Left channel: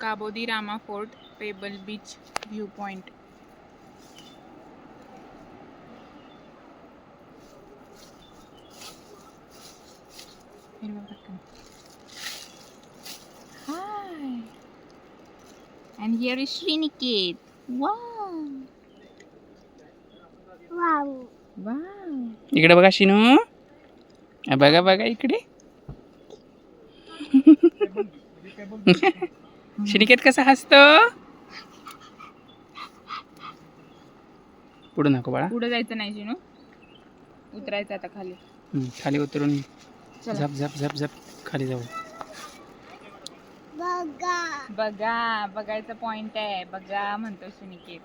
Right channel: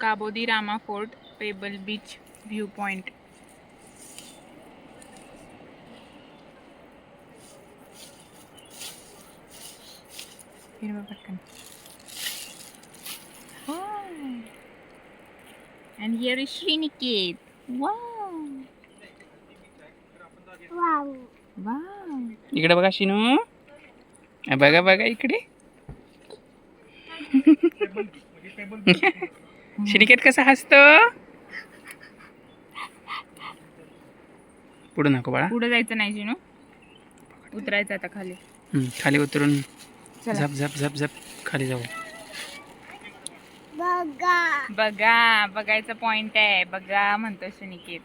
काबो de Rama fort, pebble beach view point. हिरवा पटकन. Hi. And here is Sriniket. Wow. Wow. Wow. इकडे बघा शिनू. बघा बघा इकडे. श्रीनिकेत कसा हसतो. पुढे नको बाळा. पुढे जायचं नाही शिनू. उतरायचं आता खाली. खाली उतरून झप झप झप झप खाली जाऊ. बघा. बघा बघायचा पॉइंट आहे. बघा म्हणतो श्रीनिकेत.